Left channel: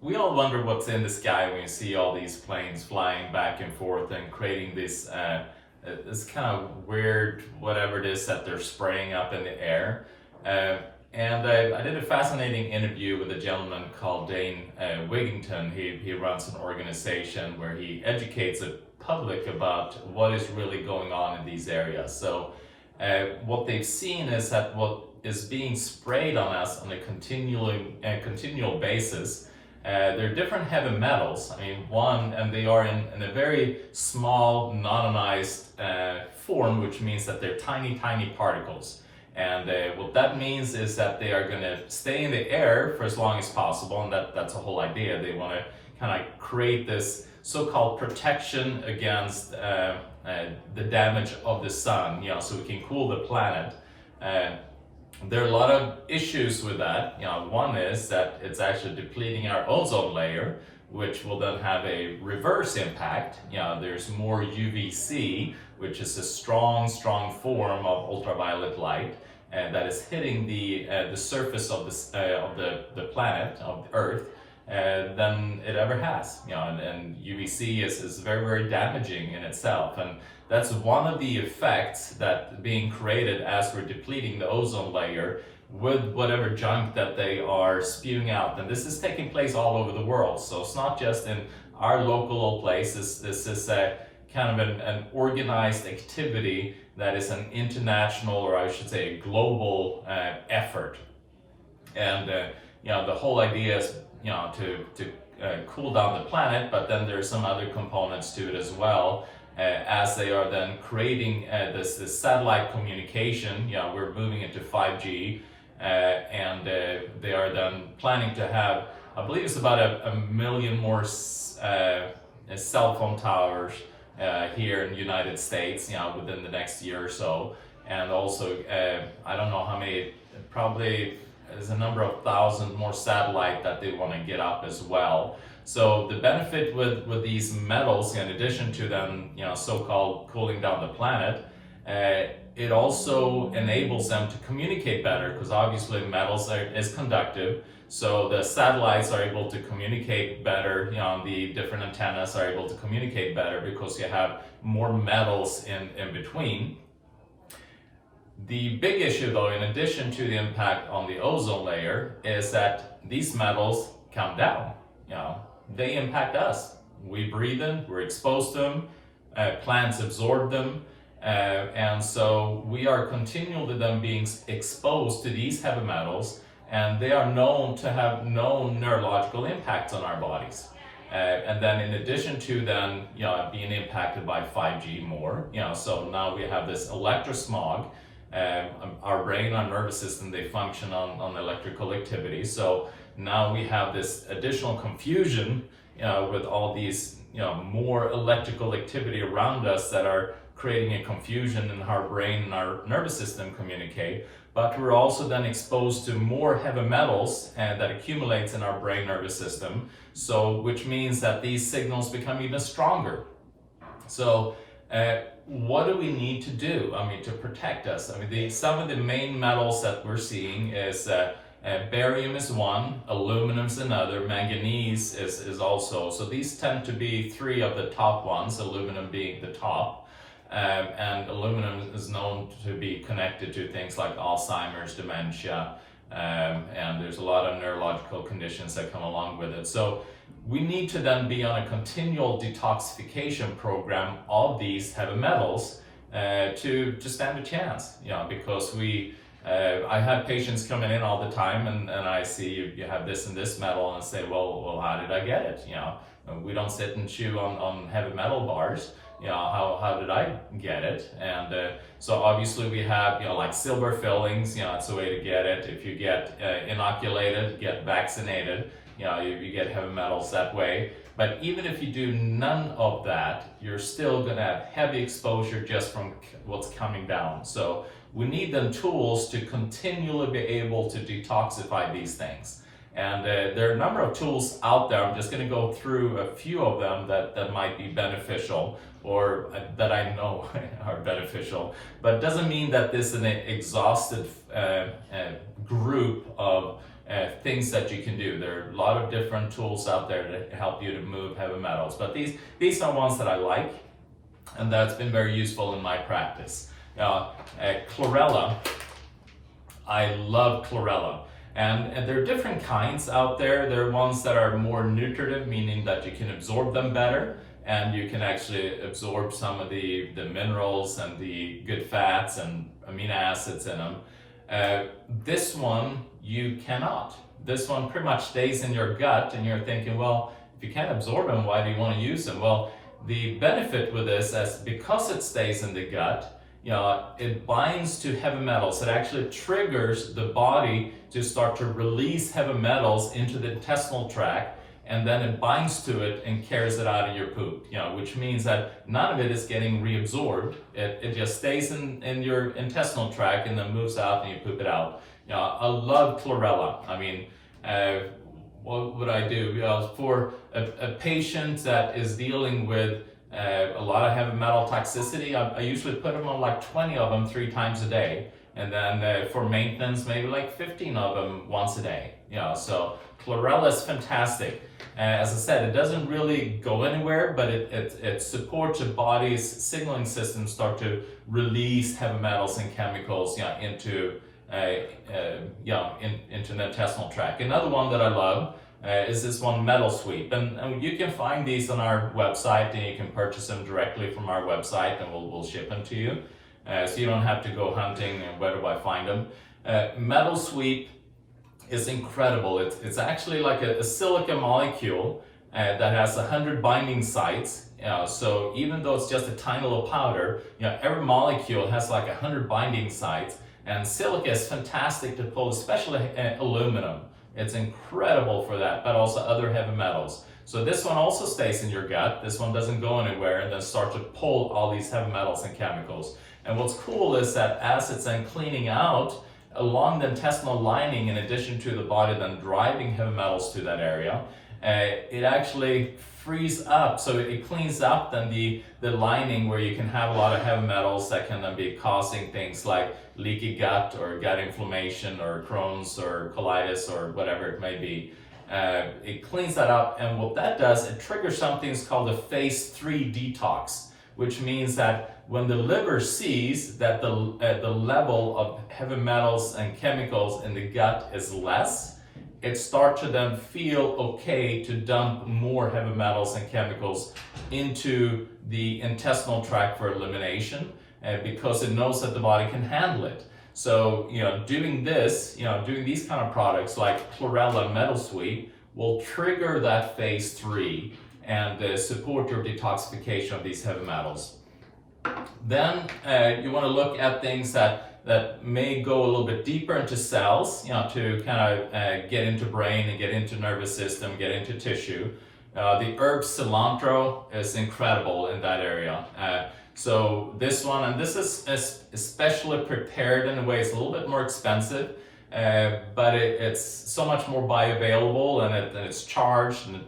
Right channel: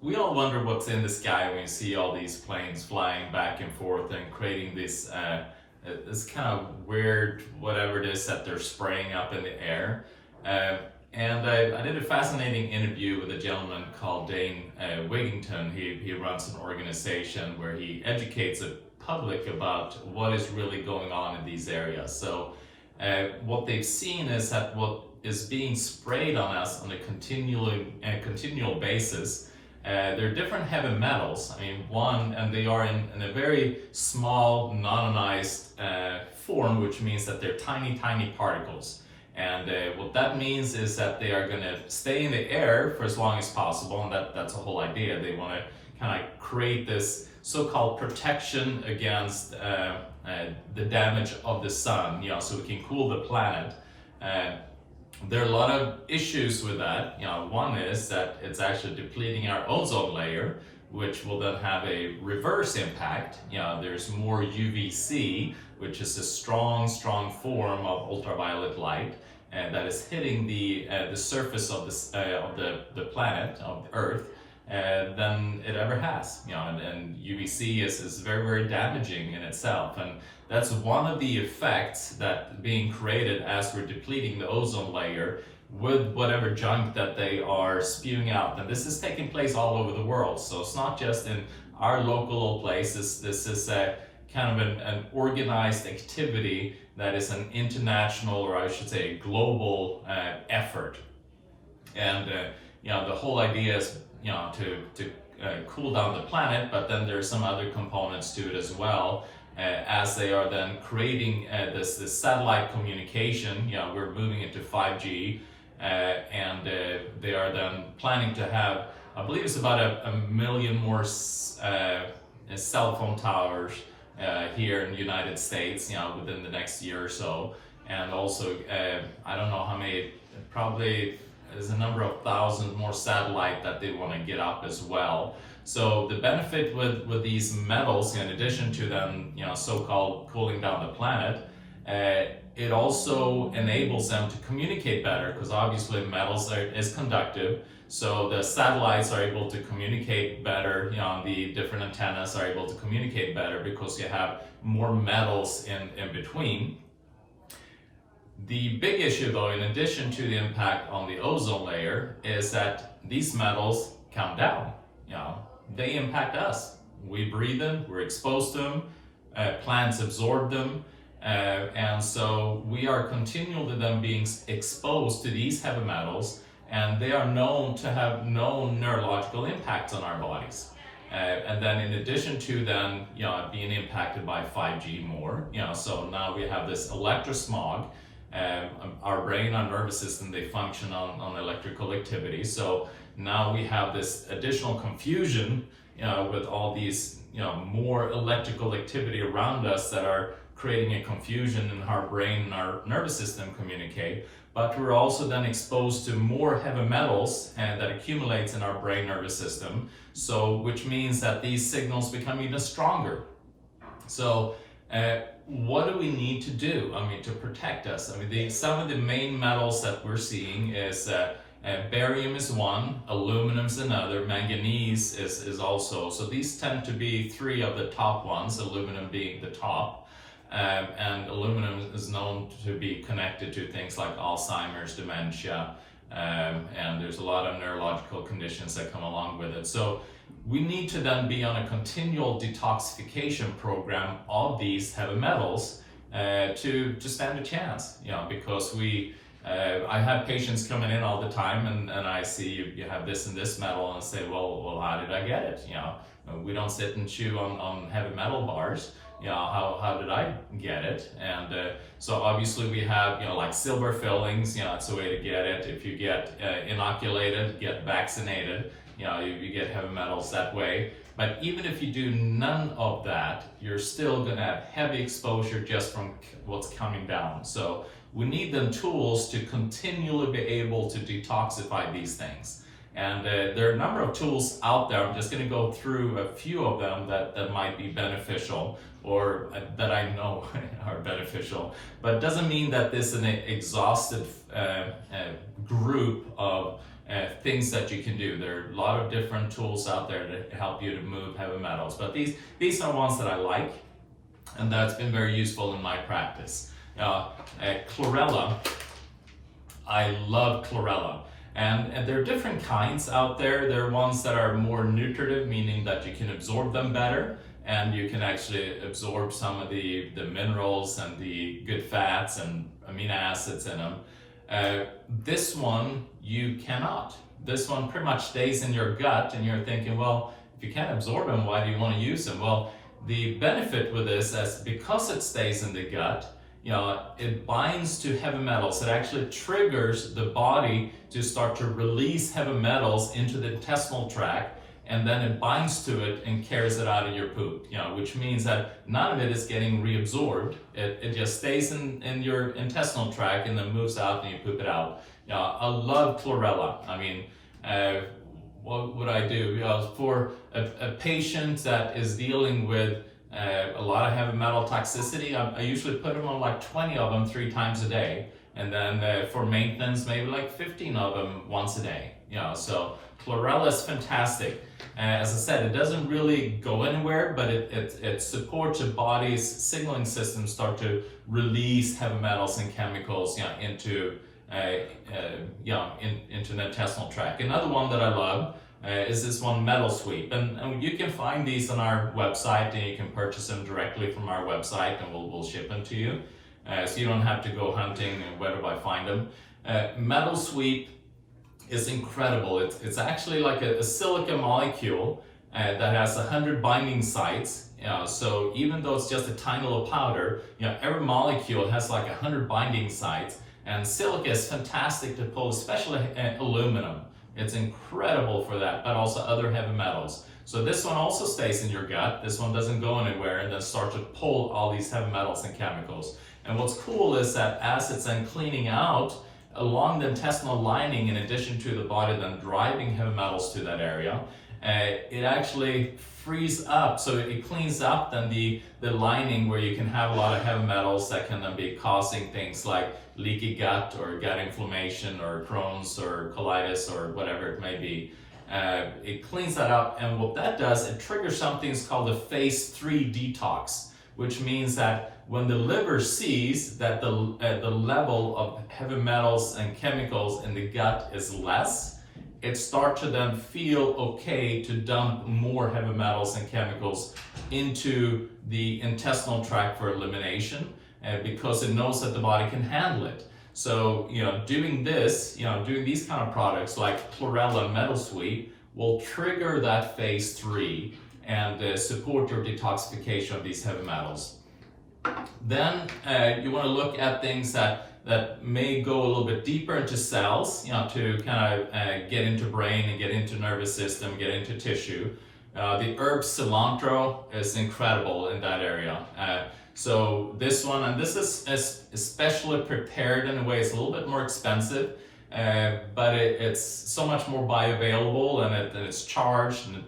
We all wonder what's in the sky when you see all these planes flying back and forth and creating this kind of weird whatever it is that they're spraying up in the air. I did a fascinating interview with a gentleman called Dane Wigington. He runs an organization where he educates the public about what is really going on in these areas. So what they've seen is that what is being sprayed on us on a continual basis, there are different heavy metals. I mean, and they are in a very small, non-ionized form, which means that they're tiny, tiny particles. And what that means is that they are going to stay in the air for as long as possible, and that's the whole idea. They want to kind of create this so-called protection against the damage of the sun, so we can cool the planet. There are a lot of issues with that. One is that it's actually depleting our ozone layer, which will then have a reverse impact. There's more UVC, which is a strong form of ultraviolet light, and that is hitting the surface of the planet, of the Earth, than it ever has. And UVC is very, very damaging in itself, and that's one of the effects that being created as we're depleting the ozone layer with whatever junk that they are spewing out. And this is taking place all over the world, so it's not just in our local place. This is a kind of an organized activity that is an international, or I should say a global effort. And the whole idea is to cool down the planet, but then there's some other components to it as well. As they are then creating this satellite communication, we're moving into 5G, and they are then planning to have, I believe it's about a million more cell phone towers here in the United States, within the next year or so. And also, I don't know how many, probably there's a number of thousand more satellite that they want to get up as well. So the benefit with these metals, in addition to them, so-called cooling down the planet, it also enables them to communicate better, because obviously metals is conductive. So the satellites are able to communicate better. The different antennas are able to communicate better because you have more metals in between. The big issue, though, in addition to the impact on the ozone layer, is that these metals come down. They impact us. We breathe them, we're exposed to them, plants absorb them, and so we are continually then being exposed to these heavy metals, and they are known to have known neurological impacts on our bodies. And then in addition to then, being impacted by 5G more, so now we have this electrosmog. Our brain, our nervous system, they function on electrical activity. So now we have this additional confusion, with all these, more electrical activity around us that are creating a confusion in how our brain and our nervous system communicate. But we're also then exposed to more heavy metals that accumulates in our brain nervous system. So, which means that these signals become even stronger. So, what do we need to do? To protect us? Some of the main metals that we're seeing is barium is one, aluminum is another, manganese is also. So these tend to be three of the top ones, aluminum being the top. And aluminum is known to be connected to things like Alzheimer's, dementia, and there's a lot of neurological conditions that come along with it. So we need to then be on a continual detoxification program of these heavy metals to stand a chance, because I have patients coming in all the time, and I see you have this and this metal, and I say, well, how did I get it? We don't sit and chew on heavy metal bars. How did I get it? And so obviously we have, like silver fillings, it's a way to get it. If you get inoculated, get vaccinated, you get heavy metals that way. But even if you do none of that, you're still gonna have heavy exposure just from what's coming down. So we need them tools to continually be able to detoxify these things. And there are a number of tools out there. I'm just going to go through a few of them that might be beneficial, or that I know are beneficial. But it doesn't mean that this is an exhaustive group of things that you can do. There are a lot of different tools out there to help you to move heavy metals, but these are ones that I like, and that's been very useful in my practice. Chlorella, I love chlorella. And there are different kinds out there. There are ones that are more nutritive, meaning that you can absorb them better, and you can actually absorb some of the minerals and the good fats and amino acids in them. This one, you cannot. This one pretty much stays in your gut, and you're thinking, well, if you can't absorb them, why do you want to use them? Well, the benefit with this is because it stays in the gut, it binds to heavy metals. It actually triggers the body to start to release heavy metals into the intestinal tract, and then it binds to it and carries it out of your poop, which means that none of it is getting reabsorbed. It just stays in your intestinal tract and then moves out and you poop it out. I love chlorella. I mean, what would I do? For a patient that is dealing with a lot of heavy metal toxicity, I usually put them on like 20 of them 3 times a day, and then for maintenance maybe like 15 of them once a day. So chlorella is fantastic. As I said, it doesn't really go anywhere, but it supports the body's signaling system start to release heavy metals and chemicals into into the intestinal tract. Another one that I love is this one, Metal Sweep, and you can find these on our website, and you can purchase them directly from our website, and we'll ship them to you, so you don't have to go hunting and where do I find them. Metal Sweep is incredible. It's actually like a silica molecule that has 100 binding sites. So even though it's just a tiny little powder, every molecule has like 100 binding sites, and silica is fantastic to pull, especially aluminum. It's incredible for that, but also other heavy metals. So this one also stays in your gut. This one doesn't go anywhere and then start to pull all these heavy metals and chemicals. And what's cool is that as it's then cleaning out along the intestinal lining, in addition to the body then driving heavy metals to that area, it actually frees up, so it cleans up then the lining where you can have a lot of heavy metals that can then be causing things like leaky gut or gut inflammation or Crohn's or colitis or whatever it may be. It cleans that up, and what that does, it triggers something called a phase 3 detox, which means that when the liver sees that the level of heavy metals and chemicals in the gut is less, it starts to then feel okay to dump more heavy metals and chemicals into the intestinal tract for elimination, because it knows that the body can handle it. So, doing this, doing these kind of products like Chlorella Metal Sweep will trigger that phase 3 and support your detoxification of these heavy metals. Then you want to look at things that may go a little bit deeper into cells, to kind of get into brain and get into nervous system, get into tissue. The herb cilantro is incredible in that area. So this one, and this is especially prepared in a way, it's a little bit more expensive, but it's so much more bioavailable, and it's charged, and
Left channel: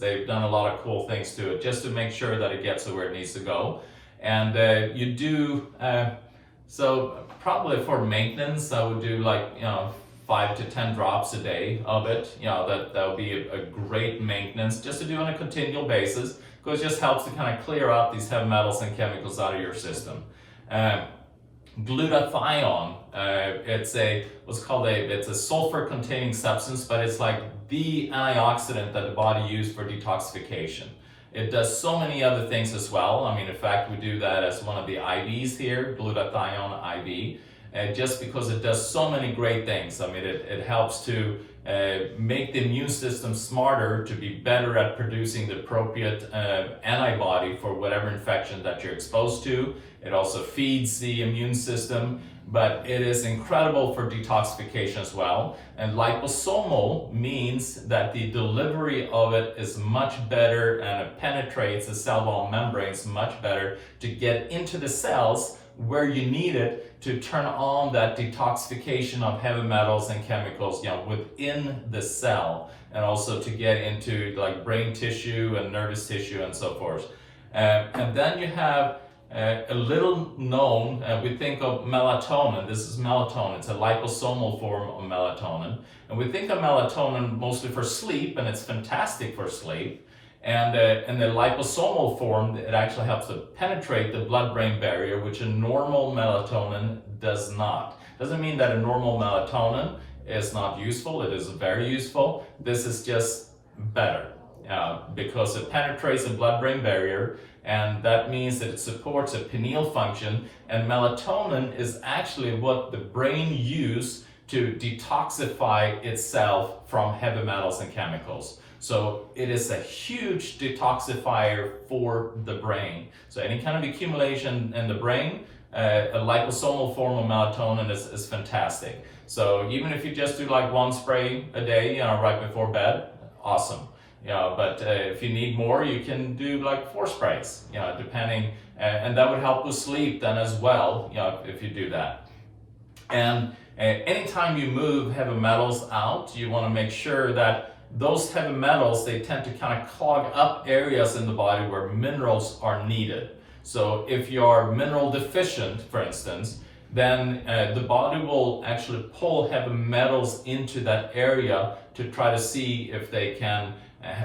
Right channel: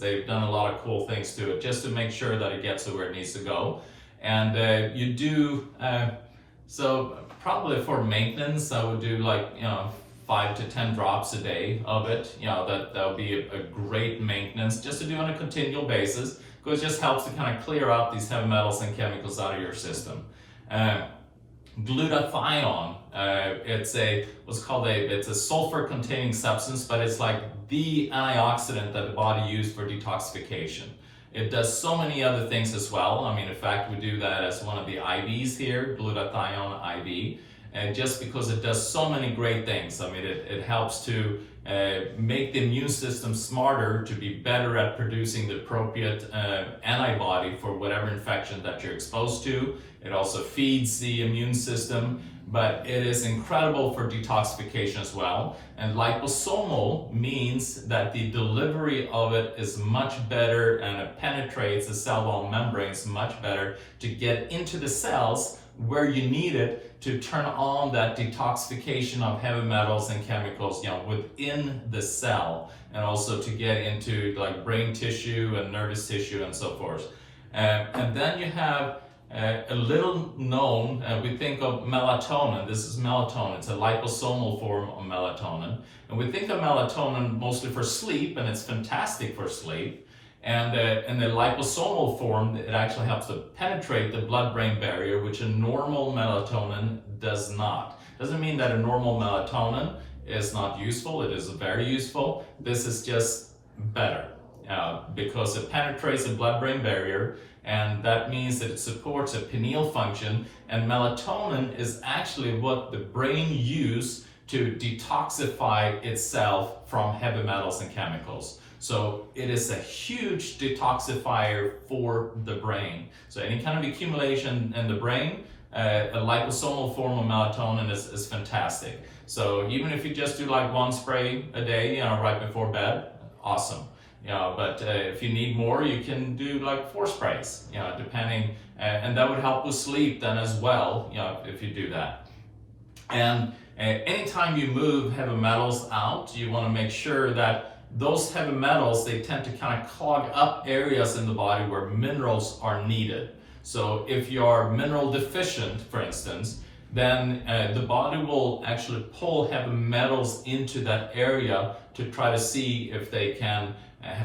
they've done a lot of cool things to it just to make sure that it gets to where it needs to go. And you do, so probably for maintenance, I would do like 5 to 10 drops a day of it. That would be a great maintenance just to do on a continual basis, because it just helps to kind of clear out these heavy metals and chemicals out of your system. Glutathione, it's a sulfur-containing substance, but it's like the antioxidant that the body uses for detoxification. It does so many other things as well. In fact, we do that as one of the IVs here, glutathione IV, just because it does so many great things. It helps to make the immune system smarter, to be better at producing the appropriate antibody for whatever infection that you're exposed to. It also feeds the immune system, but it is incredible for detoxification as well. And liposomal means that the delivery of it is much better, and it penetrates the cell wall membranes much better to get into the cells where you need it to turn on that detoxification of heavy metals and chemicals, within the cell, and also to get into like brain tissue and nervous tissue and so forth. And then you have a little known, we think of melatonin. This is melatonin. It's a liposomal form of melatonin. And we think of melatonin mostly for sleep, and it's fantastic for sleep. And in the liposomal form, it actually helps to penetrate the blood-brain barrier, which a normal melatonin does not. Doesn't mean that a normal melatonin is not useful. It is very useful. This is just better because it penetrates the blood-brain barrier, and that means that it supports a pineal function, and melatonin is actually what the brain uses to detoxify itself from heavy metals and chemicals. So it is a huge detoxifier for the brain. So any kind of accumulation in the brain, a liposomal form of melatonin is fantastic. So even if you just do like 1 spray a day, right before bed, awesome. But if you need more, you can do like 4 sprays, depending, and that would help with sleep then as well, if you do that. And anytime you move heavy metals out, you want to make sure that those heavy metals, they tend to kind of clog up areas in the body where minerals are needed. So if you're mineral deficient, for instance, then the body will actually pull heavy metals into that area to try to see if they can,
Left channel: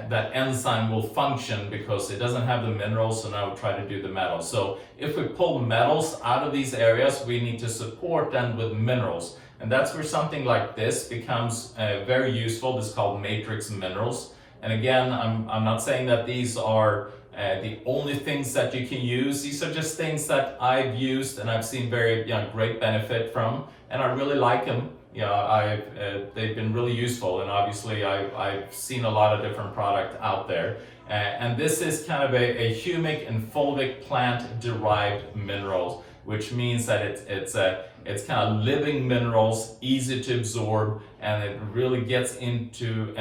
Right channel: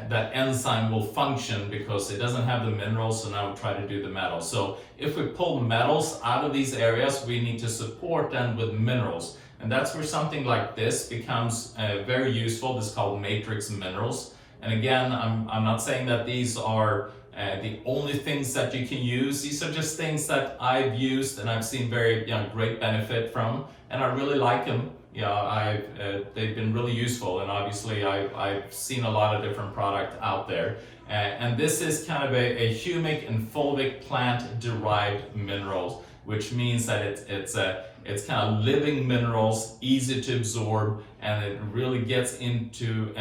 that enzyme will function because it doesn't have the minerals, so now we try to do the metals. So if we pull metals out of these areas, we need to support them with minerals. And that's where something like this becomes very useful. This is called matrix minerals. And again, I'm not saying that these are the only things that you can use. These are just things that I've used and I've seen very great benefit from, and I really like them. They've been really useful, and obviously I've seen a lot of different products out there. And this is kind of a humic and fulvic plant-derived minerals, which means that it's kind of living minerals, easy to absorb, and it really gets into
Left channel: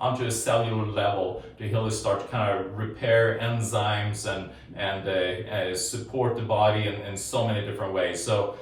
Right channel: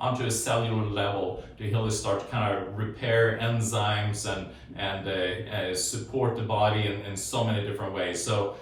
onto a cellular level to really start to kind of repair enzymes and support the body in so many different ways. So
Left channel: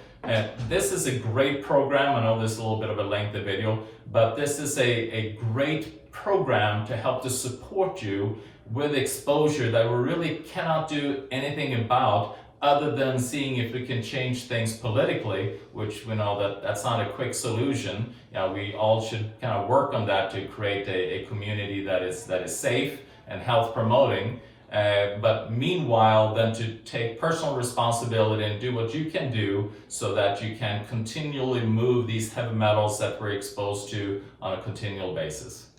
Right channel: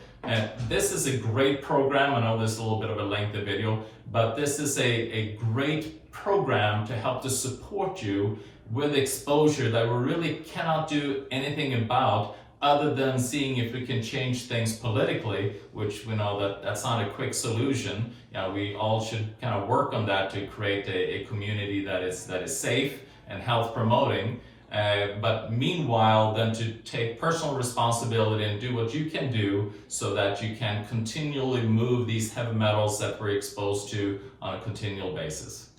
this is a great program. I know this is a little bit of a lengthy video, but this is a great program to help to support you with exposure that we really cannot do anything about, other than seeing if we can change things politically, which we know that that's not a quick solution. We all should kind of work on that to create a community that is safe and health promoting. But meanwhile, then to take personal responsibility and do what you can do so that you can continually move these heavy metals that we're exposed to on a continual basis.